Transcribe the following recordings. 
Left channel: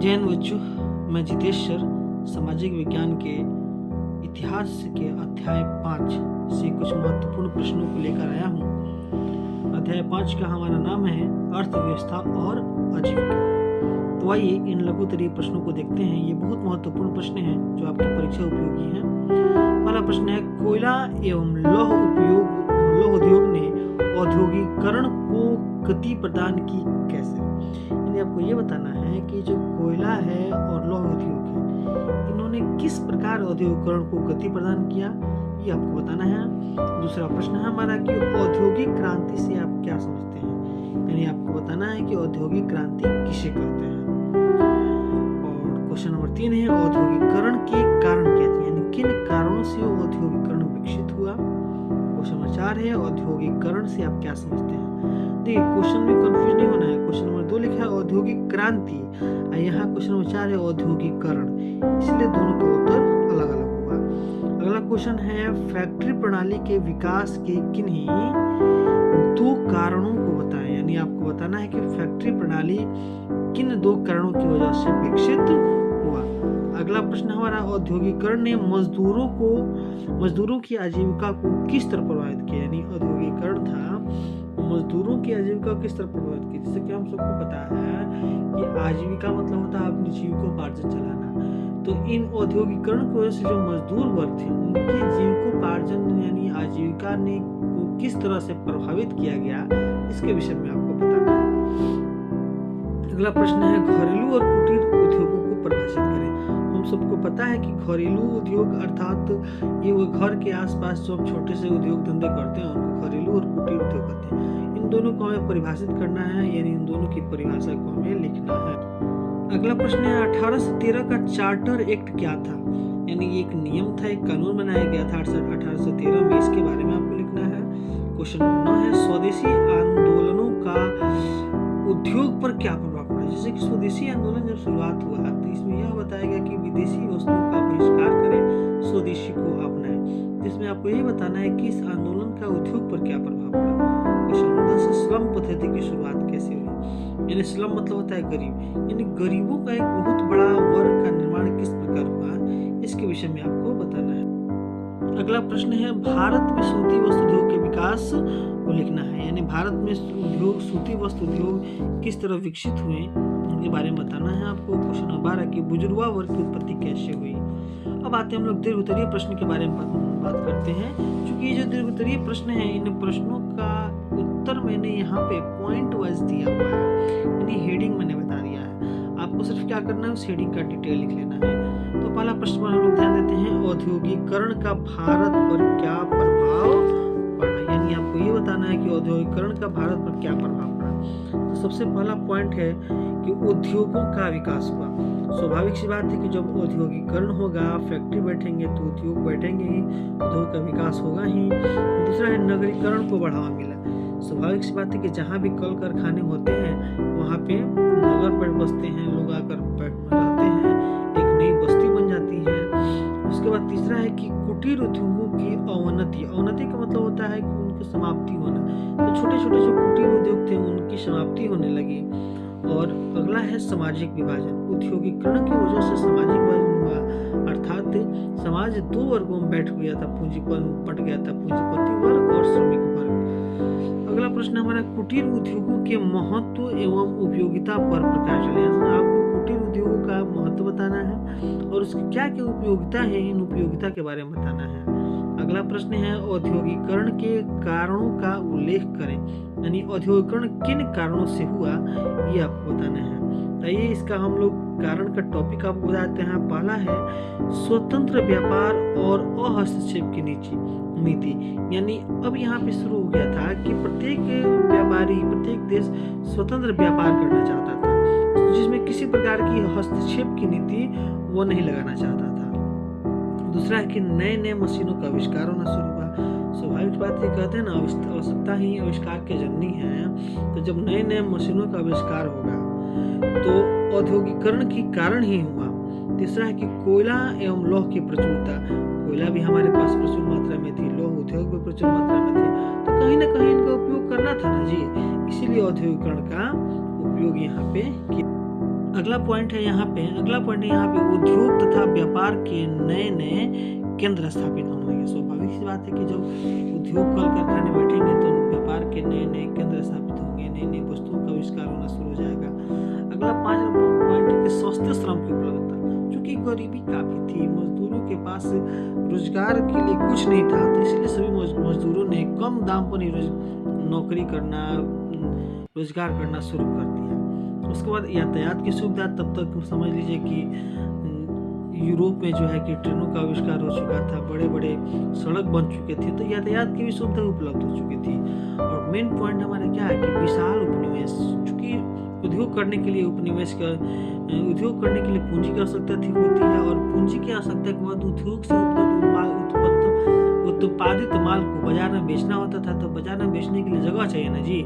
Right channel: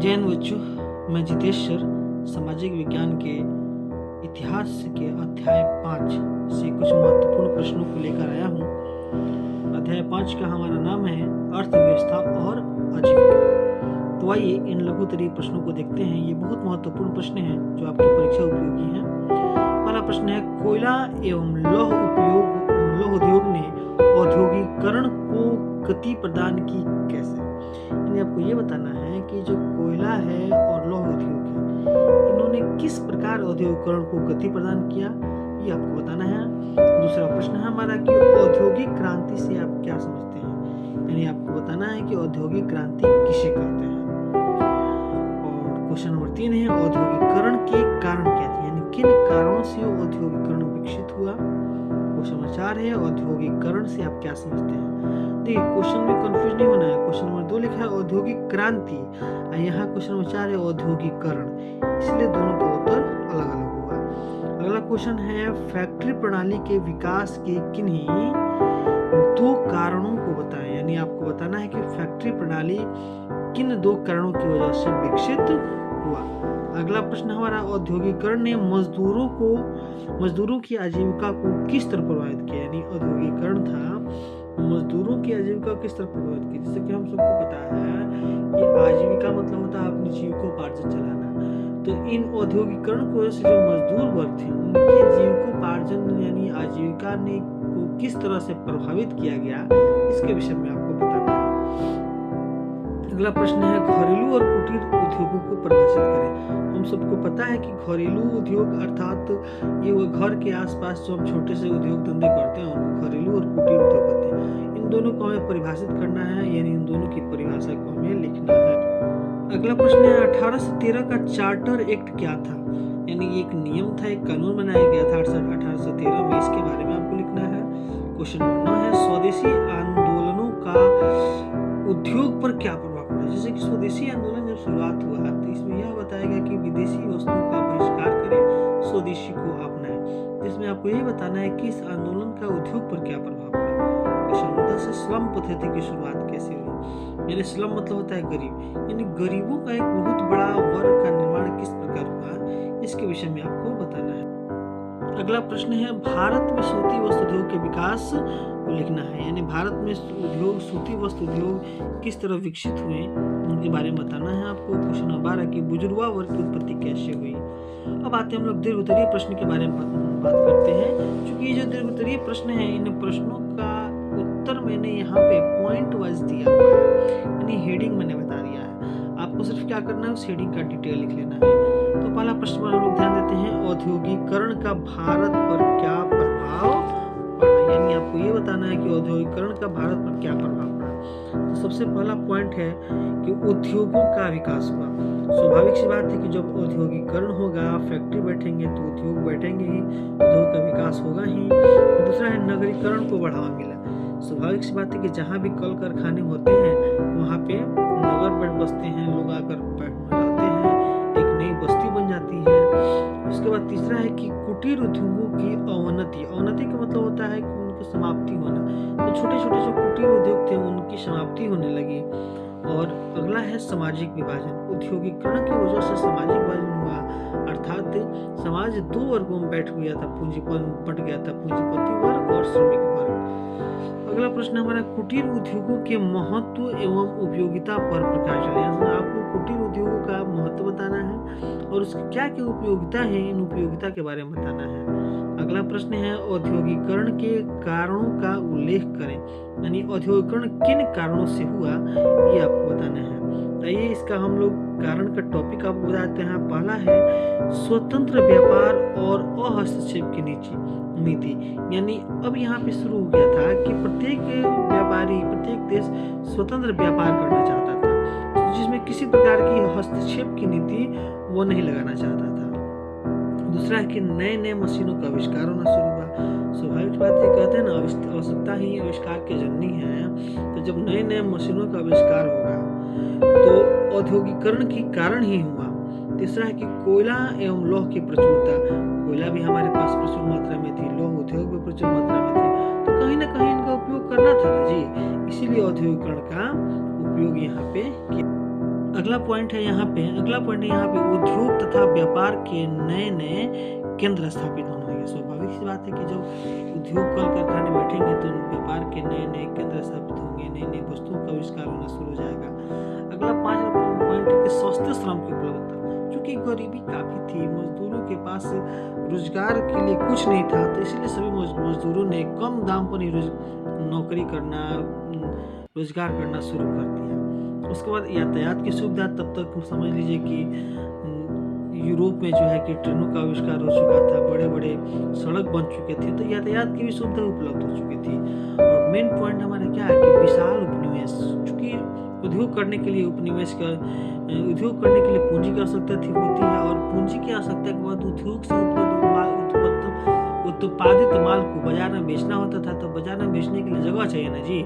जैन बच्चों, मैं जितेश्वर सामाजिक विज्ञान के इतिहास के अध्याय 5 से कुछ महत्वपूर्ण प्रश्नों को लेकर आया हूँ। अध्याय 5 का हमारा नाम है अर्थव्यवस्था और आजीविका। तो आइए इन लघुतरीय प्रश्नों को देखते हैं। ये बहुत महत्वपूर्ण प्रश्न हैं जो आपकी परीक्षा उपयोगी हैं। पहला प्रश्न है, कोयला एवं लौह उद्योग ने औद्योगिकरण को गति प्रदान की कैसे? यानी आपको ये बताना है कि जो कोयला है और लौह उद्योग है, इन्होंने किस प्रकार औद्योगिकरण को गति प्रदान किया, ये आपको बताना है। दूसरा प्रश्न है हमारा कि औद्योगिक क्रांति से आप क्या समझते हैं? यानी आपको बताना है कि औद्योगिक क्रांति किसे कहते हैं। और क्वेश्चन नंबर 3 है, औद्योगिकरण के कारण क्या थे, यानी किन कारणों से औद्योगिकरण विकसित हुआ। क्वेश्चन नंबर 4 है, औद्योगिकरण से आप क्या समझते हैं। देखिए, क्वेश्चन में कंफ्यूज नहीं होना है। क्वेश्चन नंबर 2 लिखा है औद्योगिक क्रांति, और यहाँ क्वेश्चन नंबर 4 है औद्योगिकरण, इसलिए दोनों का उत्तर अलग अलग होगा। अगला क्वेश्चन है, फैक्ट्री प्रणाली के विकास के किन्हीं 2 कारणों को बताएं। यानी आपको बताना है कि फैक्ट्री प्रणाली किन 2 कारणों की वजह से विकसित हुआ। अगला प्रश्न हमारा, औद्योगिकरण ने मजदूरों की आजीविका को किस तरह प्रभावित किया। यानी औद्योगिकरण था मजदूरों की आजीविका किस तरह प्रभावित की। जैसे कि हम सबको पता है कि आजीविका मतलब होता है अपनी जीविकोपार्जन चलाना। तो इन औद्योगिकरण की वजह से जो मजदूर वर्ग थे उनके जीविकोपार्जन यानी आजीविका ने को किस तरह से प्रभावित किया गया, इसके विषय में आपको बताना है। अगला प्रश्न है, घरेलू और कुटीर उद्योगों को परिभाषित करें। हम सबको पता है कि घरेलू उद्योग अर्थात ये वो घर के आसपास जो हम छोटे से उद्योग धंधे करते हैं उनको घरेलू और कुटीर उद्योग कहते हैं। इन दोनों को हमें परिभाषित करना है, यानी इन दोनों की परिभाषा को हमें लिखना है। अगला प्रश्न है, 1813 का चार्टर एक्ट क्या था। यानी एक नियम था, एक कानून बनाया गया था 1813 में, इसके बारे में आपको लिखना है। क्वेश्चन नंबर 9 है, स्वदेशी आंदोलनों का उद्योग पर क्या प्रभाव पड़ा। जैसे कि स्वदेशी आंदोलन जब शुरुआत हुआ तो इसमें यह बताया गया कि विदेशी वस्तुओं का बहिष्कार करें, स्वदेशी को अपनाएं। जिसमें आपको यही बताना है कि इस आंदोलन का उद्योग पर क्या प्रभाव पड़ा। क्वेश्चन नंबर 10 है, स्लम पद्धति की शुरुआत कैसे हुई। यानी स्लम मतलब होता है गरीब, यानी गरीबों का एक बहुत बड़ा वर्ग का निर्माण किस प्रकार हुआ, इसके विषय में आपको बताना है। अगला प्रश्न है, भारत में सूती वस्त्र उद्योग के विकास को लिखना है। यानी भारत में सूती वस्त्र उद्योग किस तरह विकसित हुए उनके बारे में बताना है आपको। क्वेश्चन नंबर 12 की बुजुर्गा वर्ग की उत्पत्ति कैसे हुई। अब आते हैं हम लोग दीर्घोत्तरीय प्रश्न के बारे में बात करते हैं। क्योंकि ये जो दीर्घोत्तरीय प्रश्न है, इन प्रश्नों का उत्तर मैंने यहाँ पे पॉइंट वाइज दिया हुआ है, यानी हेडिंग मैंने बता दिया है। आपको सिर्फ क्या करना है, उस हेडिंग का डिटेल लिख लेना है। तो पहला प्रश्न पर हम लोग ध्यान देते हैं, औद्योगिकरण का भारत पर क्या प्रभाव पड़ा। यानी आपको ये बताना है कि औद्योगिकरण का भारत पर क्या प्रभाव पड़ा। तो सबसे पहला पॉइंट है कि उद्योगों का विकास हुआ। स्वाभाविक सी बात है कि जब औद्योगिकरण होगा, फैक्ट्री बैठेंगे तो उद्योग बैठेंगे ही, उद्योग का विकास होगा ही। दूसरा है, नगरीकरण को बढ़ावा मिला। स्वाभाविक सी बात है कि जहाँ भी कल कारखाने होते हैं वहाँ पे नगर पर बसते हैं, लोग आकर रहते हैं, एक नई बस्ती बन जाती है। उसके बाद तीसरा है कि कुटीर उद्योगों की अवनति का मतलब होता है कि उनकी समाप्ति होना। तो छोटे छोटे जो कुटीर उद्योग थे उनकी समाप्ति होने लगी। और अगला है सामाजिक विभाजन। उद्योगिकरण की वजह से सामाजिक विभाजन हुआ, अर्थात समाज 2 वर्गों में बट गया था, पूंजीपति वर्ग और श्रमिक वर्ग। अगला प्रश्न हमारा, कुटीर उद्योगों के महत्व एवं उपयोगिता पर प्रकाश डालें। आपको कुटीर उद्योगों का महत्व बताना है और उसकी क्या क्या उपयोगिता है, इन उपयोगिता के बारे में बताना है। अगला प्रश्न है, औद्योगिकरण के कारणों का उल्लेख करें। यानी औद्योगिकरण किन कारणों से हुआ, ये आपको बताना है। आइए इसका हम लोग कारण का टॉपिक आपको बताते हैं। पहला है, स्वतंत्र व्यापार और अहस्तक्षेप की नीति। यानी अब यहाँ पे शुरू हो गया था कि प्रत्येक व्यापारी, प्रत्येक देश स्वतंत्र व्यापार करना चाहता था, जिसमें किसी प्रकार की हस्तक्षेप की नीति वो नहीं लगाना चाहता था। दूसरा है कि नए नए मशीनों का आविष्कार होना शुरू हुआ। स्वाभाविक बात है, कहते हैं ना, आवश्यकता ही आविष्कार की जननी है। तो जब नए नए मशीनों का आविष्कार होगा तो औद्योगिकरण की कारण ही हुआ। तीसरा है कि कोयला एवं लौह की प्रचुरता। कोयला भी हमारे पास प्रचुर मात्रा में थी, लौह उद्योग भी प्रचुर मात्रा में थे, तो कहीं ना कहीं इनका उपयोग करना था ना जी, इसीलिए औद्योगिकरण का उपयोग यहाँ पे किया। अगला पॉइंट है यहाँ पे उद्योग तथा व्यापार के नए नए केंद्र स्थापित होने लगे। स्वाभाविक सी बात है कि जब उद्योग कल कारखाने बैठेंगे तो व्यापार के नए नए केंद्र स्थापित होंगे, नई नई वस्तुओं का आविष्कार होना शुरू हो जाएगा। अगला 5 नंबर पॉइंट है कि सस्ते श्रम की उपलब्धता। क्योंकि गरीबी काफी थी, मजदूरों के पास रोजगार के लिए कुछ नहीं था, तो इसलिए सभी मजदूरों ने कम दाम पर ही नौकरी करना, रोजगार करना शुरू कर दिया। उसके बाद यातायात की सुविधा, तब तक समझ लीजिए कि यूरोप में जो है कि ट्रेनों का आविष्कार हो चुका था, बड़े बड़े सड़क बन चुके थे, तो यातायात की भी सुविधा उपलब्ध हो चुकी थी। और मेन पॉइंट हमारा क्या है कि विशाल उपनिवेश। चूंकि उद्योग करने के लिए पूंजी की आवश्यकता होती है, और पूंजी की आवश्यकता के बाद उद्योग से उत्पादित माल को बाजार में बेचना होता था, तो बाजार में बेचने के लिए जगह चाहिए ना जी।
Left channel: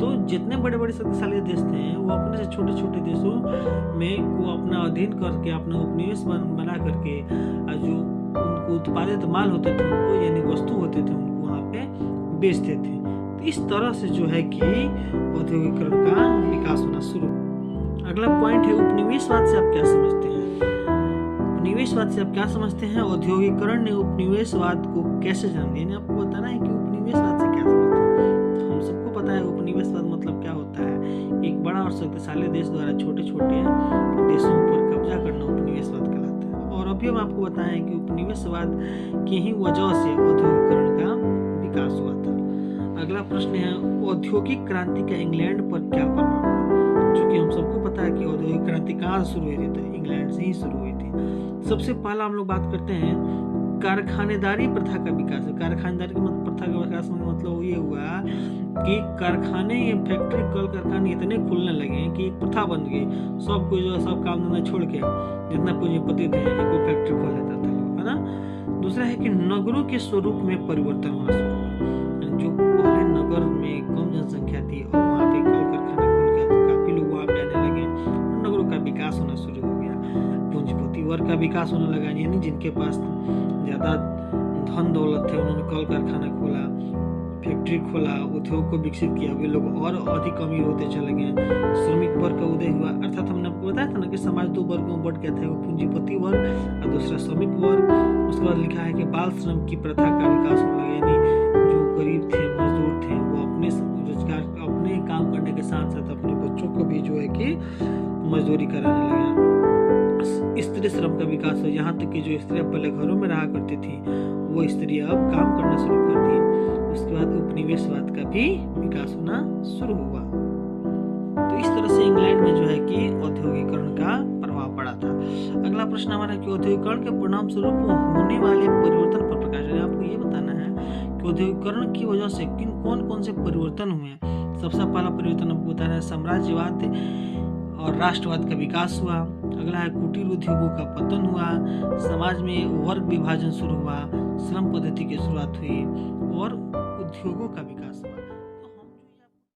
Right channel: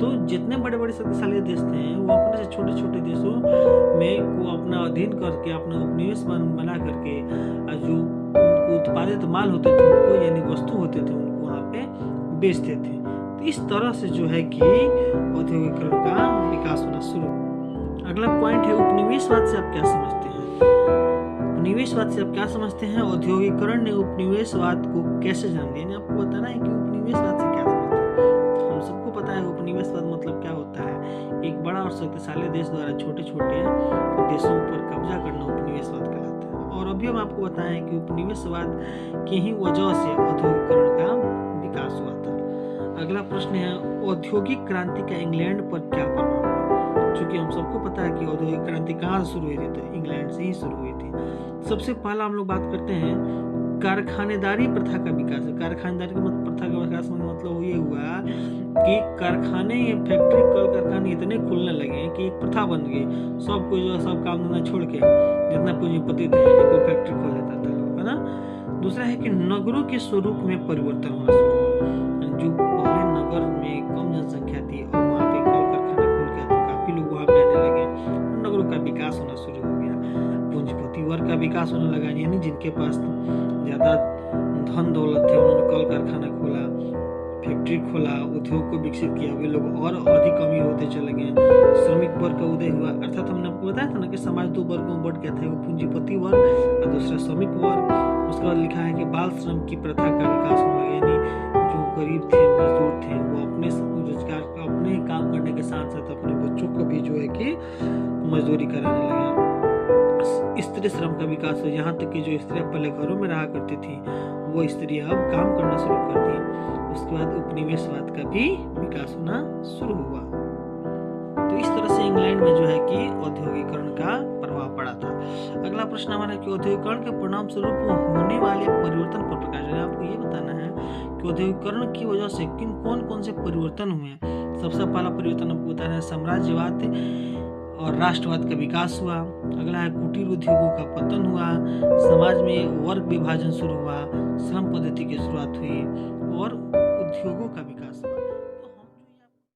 तो जितने बड़े बड़े शक्तिशाली देश थे वो अपने से छोटे छोटे देशों में को अपना अधीन करके, अपना उपनिवेश बना करके जो उनको उत्पादित माल होते थे उनको, यानी वस्तु होते थे उनको वहाँ पे बेचते थे। तो इस तरह से जो है कि औद्योगिकरण का विकास होना शुरू। अगला पॉइंट है उपनिवेशवाद से आप क्या समझते हैं। औद्योगिकरण ने उपनिवेशवाद को कैसे जन्म दिया, आपको बताना है कि उपनिवेशवाद से क्या समझते हैं। हम सबको पता है उपनिवेशवाद मतलब क्या होता है। एक बड़ा और शक्तिशाली देश द्वारा छोटे छोटे देशों पर कब्जा करना उपनिवेशवाद कहलाता है। और अभी हम आपको बताएं कि उपनिवेशवाद की ही वजह से औद्योगिकरण का विकास हुआ था। अगला प्रश्न है औद्योगिक क्रांति का इंग्लैंड पर क्या प्रभाव पड़ा। चूंकि हम सबको पता है कि औद्योगिक क्रांति कहाँ शुरू हुई थी, तो इंग्लैंड से ही शुरू हुई थी। सबसे पहला हम लोग बात करते हैं कारखानेदारी प्रथा का विकास। कारखानेदारी प्रथा का विकास मतलब ये हुआ कि कारखाने, फैक्ट्री, कल कारखाने इतने खुलने लगे कि एक प्रथा बन गई। सब कोई जो सब काम धंधा छोड़ के जितना पूंजीपति थे एक फैक्ट्री खोल लेता था लोग, है ना। दूसरा है कि नगरों के स्वरूप में परिवर्तन होना शुरू हुआ। जो पहले नगर में कम जनसंख्या थी और वहाँ पे कल कारखाना खुल गया तो काफी लोग वहाँ पे आने लगे, नगरों का विकास होना शुरू हो गया। पूंजीपति वर्ग का विकास होने लगा, यानी जिनके पास ज्यादा धन दौलत थे उन्होंने कल कारखाना खोला, फैक्ट्री खोला, उद्योग को विकसित किया, वे लोग और अधिक अमीर होते चले गए। श्रमिक वर्ग का उदय हुआ, अर्थात हमने आपको बताया था ना कि समाज 2 वर्गों में बढ़ गया था, पूंजीपति वर्ग और दूसरा श्रमिक वर्ग। उसके बाद लिखा है कि बाल श्रम की प्रथा का विकास होने लगा, यानी जो गरीब थे, मजदूर थे, वो अपने रोजगार, अपने काम करने के साथ साथ अपने बच्चों को भी जो है कि मजदूरी कराने लगे। स्त्री श्रम का विकास हो, यहाँ तक कि जो स्त्रियां पहले घरों में रहा करती थी वो स्त्रियां अब काम करना शुरू कर दी। उसके बाद उपनिवेशवाद का भी विकास होना शुरू हुआ। तो इस तरह से इंग्लैंड में जो है कि औद्योगिकरण का प्रभाव पड़ा था। अगला प्रश्न हमारा कि औद्योगिकरण के परिणाम स्वरूप होने वाले परिवर्तन पर प्रकाश डालें। आपको ये बताना है कि औद्योगिकरण की वजह से कौन कौन से परिवर्तन हुए। सबसे पहला परिवर्तन आपको बताना है साम्राज्यवाद और राष्ट्रवाद का विकास हुआ। अगला है कुटीर उद्योगों का पतन हुआ, समाज में वर्ग विभाजन शुरू हुआ, श्रम पद्धति की शुरुआत हुई और उद्योगों का विकास हुआ।